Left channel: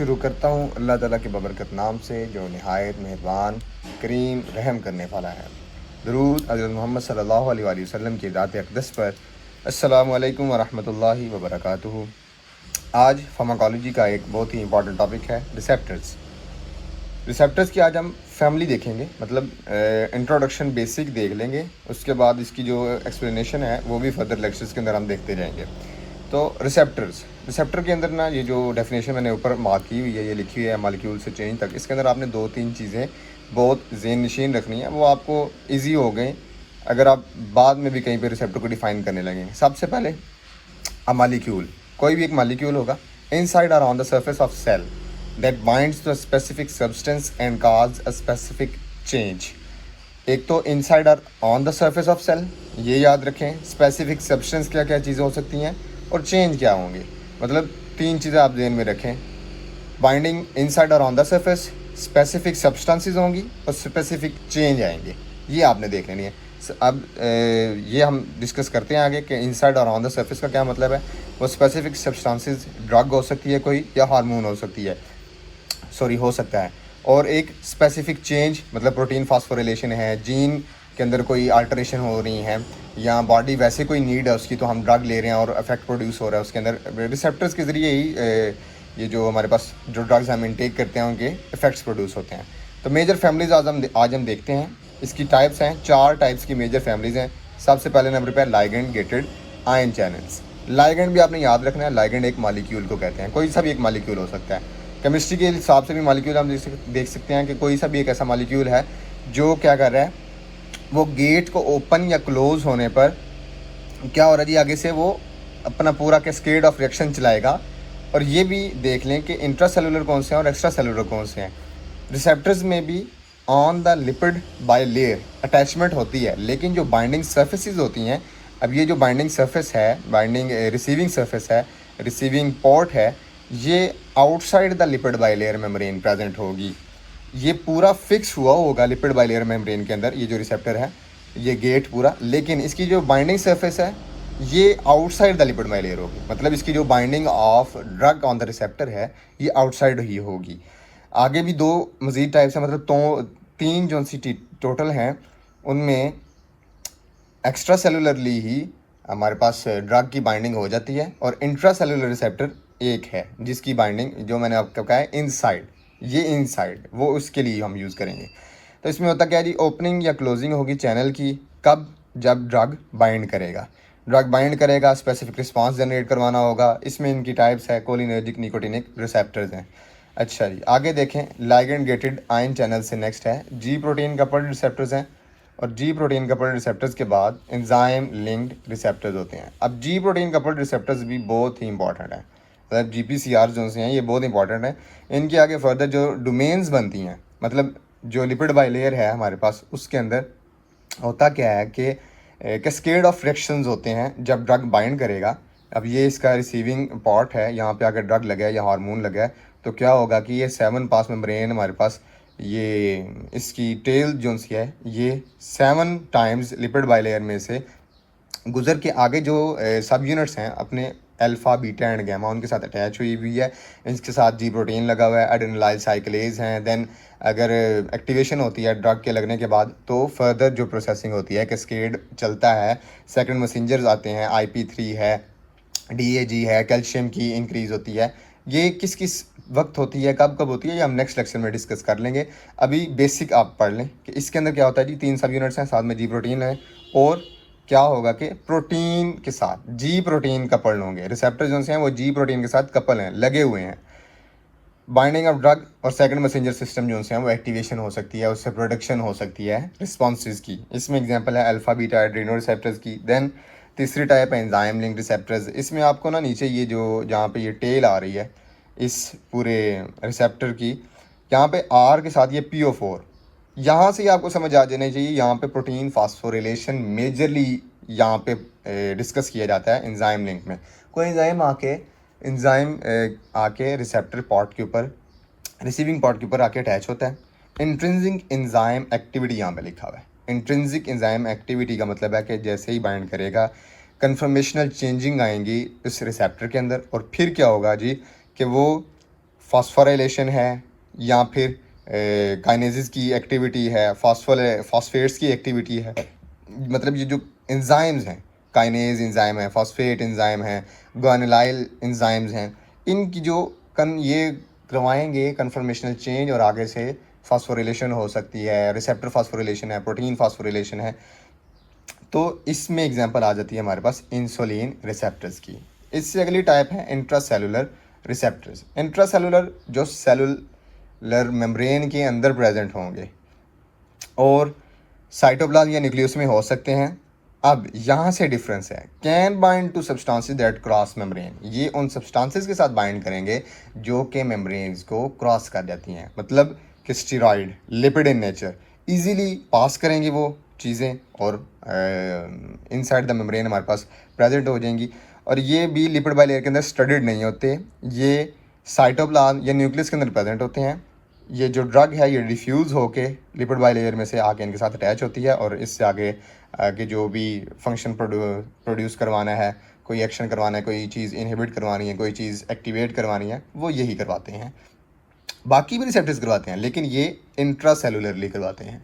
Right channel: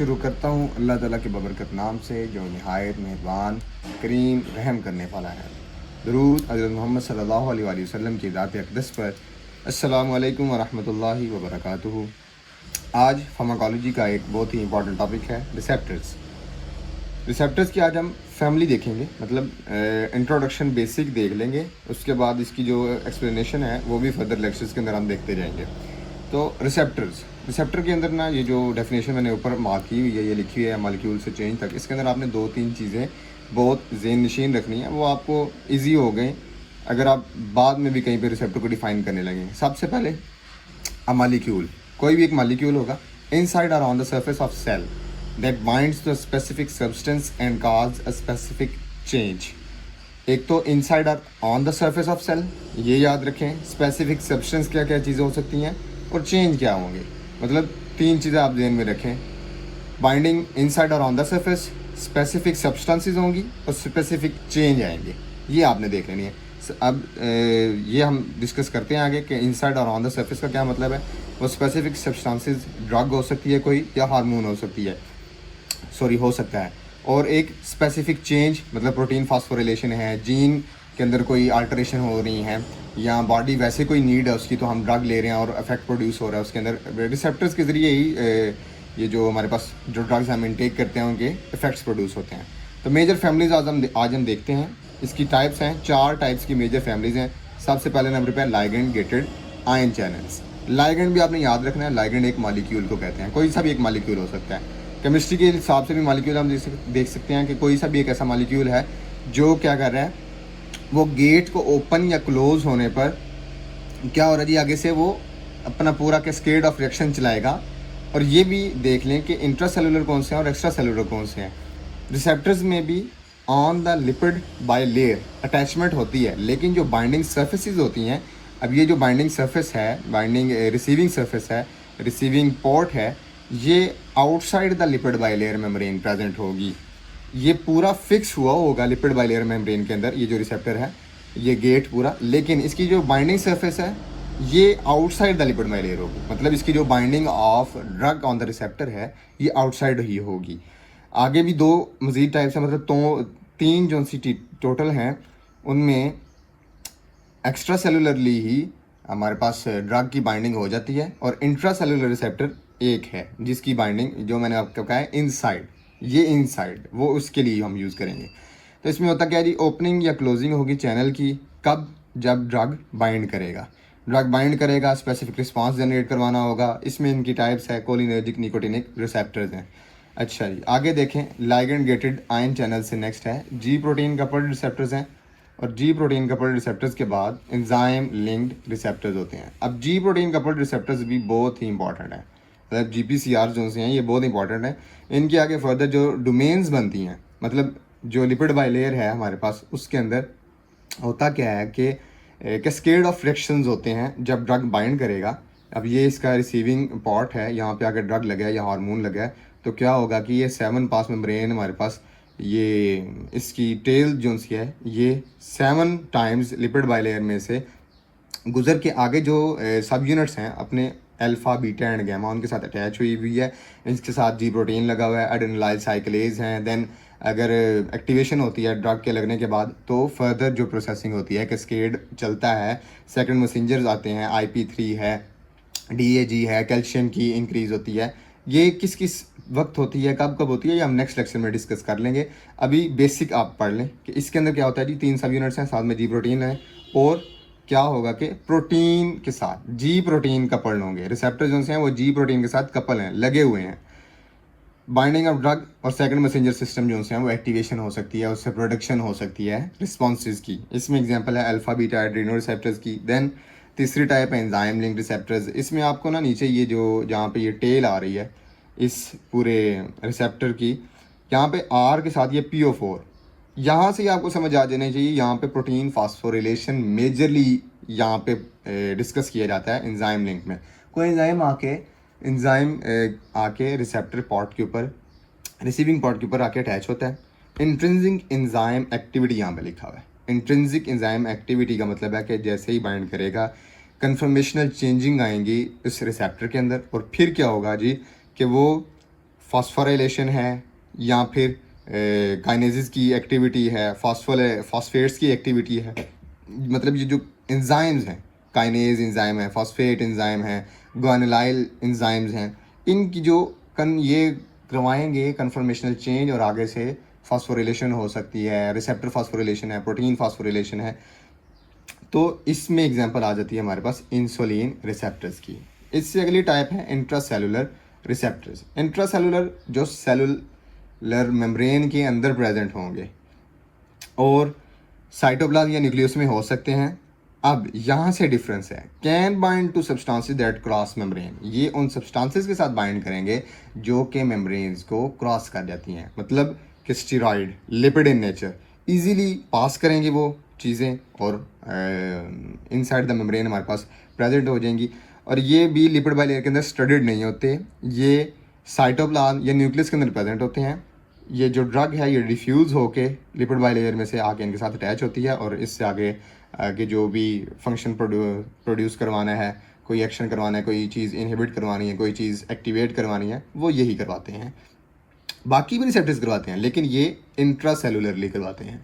शुरू करता हूँ अल्लाह ताला के बबरकत नाम से जो नहायत मेहरबान करीम रहम करने वाला है। दुरूद हज़रत मोहम्मद सल्लल्लाहु अलैहि वसल्लम की ज़ात अक़दस पर। अस्सलामु अलैकुम वरहमतुल्लाहि वबरकातुहू। आज फार्माकोलॉजी का एक बहुत ही इंपॉर्टेंट टॉपिक है रिसेप्टर्स। रिसेप्टर्स की आज हम फैमिली देखेंगे, मतलब इंट्रोडक्शन बेसिक देख लेंगे, उसके बाद इसकी जो एक्सप्लेनेशन है वो भी फर्दर लेक्चर्स के अंदर हम देखते जाएंगे। तो रिसेप्टर के अंदर ना ये जो डेफिनेशन मैंने ऊपर मार्क की हुई है, ये लिखी हुई है मॉलिक्यूल से चेंज तक, इसके अंदर आपने 2-3 चीज़ें बहुत ज़हन नशीन रखनी है, वो आपको ईजी हो गए अगर आप बाद में भी कहीं पे रिसेप्टर को डिफाइन करने लगेंगे। सबसे पहले अ मॉलिक्यूल, कोई भी एक मॉलिक्यूल होगा इनसाइड और on the surface of cell that binds to a specific substance and cause a specific change. एक तो इनसाइड और on the surface of cell, ये याद रखें। स्पेसिफिक सब्सटेंस क्या क्या चीज़ें हो सकती हैं और चेंज क्या होंगी, मतलब 3 चीज़ें आप ध्यान में रखें। बाइंडिंग इनसाइड और on the surface, specific substances होंगी और स्पेसिफिक चेंज आएंगे, ये आपने देख लेनी है। अब ये हम डिस्कस करते हैं आगे कि इनसाइड और ऑन द सरफेस का क्या मतलब है। वो स्पेसिफिक सब्सटेंसेस ड्रग हो सकती है कोई, या हार्मोन हो सकती है, हो सकता है। और एक स्पेसिफिक चेंज मतलब प्रोटीन फास्फोरिलेशन है, जीन के अंदर कोई अल्टरेशन हो रही है, या बॉडी वैसे कोई नीड है उसकी, तो हम ड्रग ले रहे हैं और इफेक्ट प्रोड्यूस हो रहा है उसके अंदर। रिसेप्टर्स के ज़रिए ही ये जो हमारे पास जो ड्रग्स हम इनटेक करते हैं उनके इफेक्ट्स प्रोड्यूस होते हैं। तो मेजर फैमिलीज आज हम देखते हैं। इसकी टाइप्स हैं, 4 टाइप्स की मेजर फैमिलीज हैं। सबसे पहले नंबर पे ligand gated ion channels. Ligand भी आपने याद रखना है, लाइगेंड एक मॉलिक्यूल को कहते हैं, कोई सा भी एक मॉलिक्यूल हो सकता है। केमिस्ट्री के हिसाब से भी मॉलिक्यूल हम देख सकते हैं कि कोई सा भी एक ऐसा मॉलिक्यूल है जो क्या कर रहा है, वो गेट को ओपन या क्लोज होने पर क्या हो रहा है जी, आगे से वो अपना पूरा कैस्केड ऑफ रिएक्शन चलाएगा। और ये भी देख लें कि इंट्रा सेलुलर कौन से हैं और एक्स्ट्रा सेलुलर कौन से हैं। रिसेप्टर्स में भी on the lipid by layer attachment होती है, लेकिन जो बाइंडिंग सर्फेसिस होती हैं, अब ये जो बाइंडिंग सरफेस है, बाइंडिंग रिसीविंग सरफेस है, रिसीविंग पोर्ट है, ये outside the lipid by layer membrane present होगी। ये पूरा फिक्स हुआ होगा लिपिड बाय लेयर मेम्ब्रेन के अंदर, ये जो रिसेप्टर है, ये गेट पूरा, लेकिन इसकी जो बाइंडिंग सरफेस है ये outside the lipid by layer होगी। मतलब इसकी जो binding of drug on the receptor है ये आउटसाइड ही होगी। आगे भी 2 मज़ीद टाइप्स हैं, मतलब तो 3 जो सी टोटल हैं, उनमें एक्स्ट्रा सेलुलरली ही हमारे पास ड्रग की बाइंडिंग हो जाती है, और इंट्रा सेलुलर रिसेप्टर एक है जिसकी बाइंडिंग, जो मैंने आपको कहा है इनसाइड, ये इनसाइड, वो उसके लिए हम यूज़ करेंगे। तो इसमें होता क्या है जी, ओपनिंग या क्लोजिंग होगी चैनल की, कब, जब ड्रग बाइंड करेगा। ड्रग बाइंड करेगा, स्पेसिफिक रिस्पांस जनरेट करवाना होगा। इसमें इनकी टाइप्स है, कोलिनर्जिक, निकोटिनिक रिसेप्टर्स हैं। अच्छा जी, आगे देखें, लाइगेंड गेटेड आयन चैनल से नेक्स्ट है जी प्रोटीन कपल्ड रिसेप्टर्स हैं, और जी प्रोटीन कपल्ड रिसेप्टर्स के बाद एंजाइम लिंक्ड रिसेप्टर्स होते हैं। अब जी प्रोटीन कपल्ड रिसेप्टर्स भी बहुत ही इंपॉर्टेंट है, मतलब GPCR जो हैं ये बहुत इंपॉर्टेंट है। इनके आगे फर्दर जो डोमेन्स बनती हैं, मतलब जो लिपिड बाय लेयर है हमारे पास, उसके अंदर होता क्या है कि कैस्केड ऑफ रिएक्शंस होते हैं जब ड्रग बाइंड करेगा। अब ये इसका रिसीविंग पॉर्ट है, यहाँ पे अगर ड्रग लगा है या हार्मोन लगा है तो क्या होगा कि ये 7 पास मेम्ब्रेन हमारे पास, ये इसकी टेल जो सी है ये 7 टाइम्स लिपिड बाय लेयर में से गुजर के आगे जो सब यूनिट्स हैं अपने अल्फा, बीटा एंड गामा, उनके साथ अटैच हुई है। इसके साथ जी प्रोटीन लगा हुआ है, एडेनिलाइल साइक्लेज हैं। देन अगर एक्टिवेशन होती है ड्रग के लगने के बाद तो फर्दर जो प्रोसेसिंग होती है, कैस्केड चलता है, सेकंड मैसेंजर्स आते हैं, IP3 है, DAG है, कैल्शियम की इंक्रीज़ होती है। ये किस किस वक्त होती है, कब कब होती है, ये हम नेक्स्ट लेक्चर में डिस्कस कर लेंगे। अभी बेसिक आप पढ़ लें कि इसके अंदर क्या होता है जी, 3 सब यूनिट्स हैं, साथ में जी प्रोटीन है, और क्या होगा कि प्रोटीन के साथ जी प्रोटीन कपल होंगे। रिसेप्टर जो हैं वो जी प्रोटीन के साथ कपल हैं, लगे हुए हैं। बाइंडिंग ऑफ ड्रग और सेकंड मैसेंजर सिस्टम जो हैं वो एक्टिवेशन हो सकती है, उससे प्रोडक्शन हो सकती है रिस्पॉन्सेज की। इसमें एग्जांपल है अल्फा, बीटा, एड्रीनो रिसेप्टर्स की। देन तीसरी टाइप है एंजाइम लिंक्ड रिसेप्टर्स। इसमें आपको ना नीचे ये जो जहाँ पे ये टेल आ रही है इस पूरे रिसेप्टर की, यहाँ पे R के साथ ये PO4, यहाँ से आपको समझ आ जाना चाहिए, यहाँ पे प्रोटीन फास्फोरिलेशन मेजरली यहाँ पे डिस्कस किया जाता है एंजाइम लिंक में। कोई एंजाइम आके रिसेप्टर पॉट के ऊपर, रिसीविंग पॉट के ऊपर आके अटैच होता है। इंट्रिंसिक एंजाइम एक्टिविटी यहाँ पे लिखा हुआ है। इंट्रिंसिक एंजाइम एक्टिविटी का मतलब है कि जैसे ही बाइंड करेगा कन्फर्मेशनल चेंजिंग आएंगी इस रिसेप्टर के अंदर, और फिर क्या होगा जी कि वो फॉस्फोराइलेशन है या फिर काइनेसिस की एक्टिविटी है, फॉस्फेट्स की एक्टिविटी है। मतलब ये जो एंजाइम्स हैं, काइनेज एंजाइम है, फॉस्फेट एंजाइम है, ग्वानिलाइल एंजाइम्स हैं, इनकी जो ये करवाएंगे कन्फर्मेशनल चेंज और आगे से फॉस्फोरिलेशन हो सकती है, रिसेप्टर फॉस्फोरिलेशन है, प्रोटीन फॉस्फोरिलेशन है। तो इसमें एग्जांपल आ जाती है हमारे पास इंसुलिन रिसेप्टर्स की। इससे अगली टाइप है इंट्रासेलुलर रिसेप्टर्स। इंट्रासेलुलर जो सेलुलर मेम्ब्रेन के अंदर प्रेजेंट होंगे और साइटोप्लाज्म या न्यूक्लियस में हो सकते हैं। अब यहाँ से डिफरेंस है, can bind to substances that cross membrane. ये उन सब्सटेंसेस के साथ बाइंड करेंगे जो कि मेम्ब्रेन्स को क्रॉस कर जाती हैं, मतलब कि steroid, lipid in nature, easily pass करेंगी वो चीज़ें और इनसाइड द मेम्ब्रेन हमारे पास प्रेजेंट हो जाएंगी। और ये भी लिपिड बाइलेयर के अंदर स्टडीड नहीं होते, ये साइटोप्लाज्म या न्यूक्लियस के अंदर प्रेजेंट होते हैं। ये जो ड्रग है ये डिफ्यूज़ होके लिपिड बाइलेयर में से आके इनके साथ अटैच होती है और इससे आगे जो भी फंक्शन प्रोड्यूस करवाना है, कोई एक्शन करवाना है, कोई चीज़ इनहिबिट करवानी है, कोई चीज़ एक्टिवेट करवानी है, वो यही करवाते हैं। बाकी भी रिसेप्टर्स करवाते हैं लेकिन ये इंट्रासेलुलरली करवाते हैं।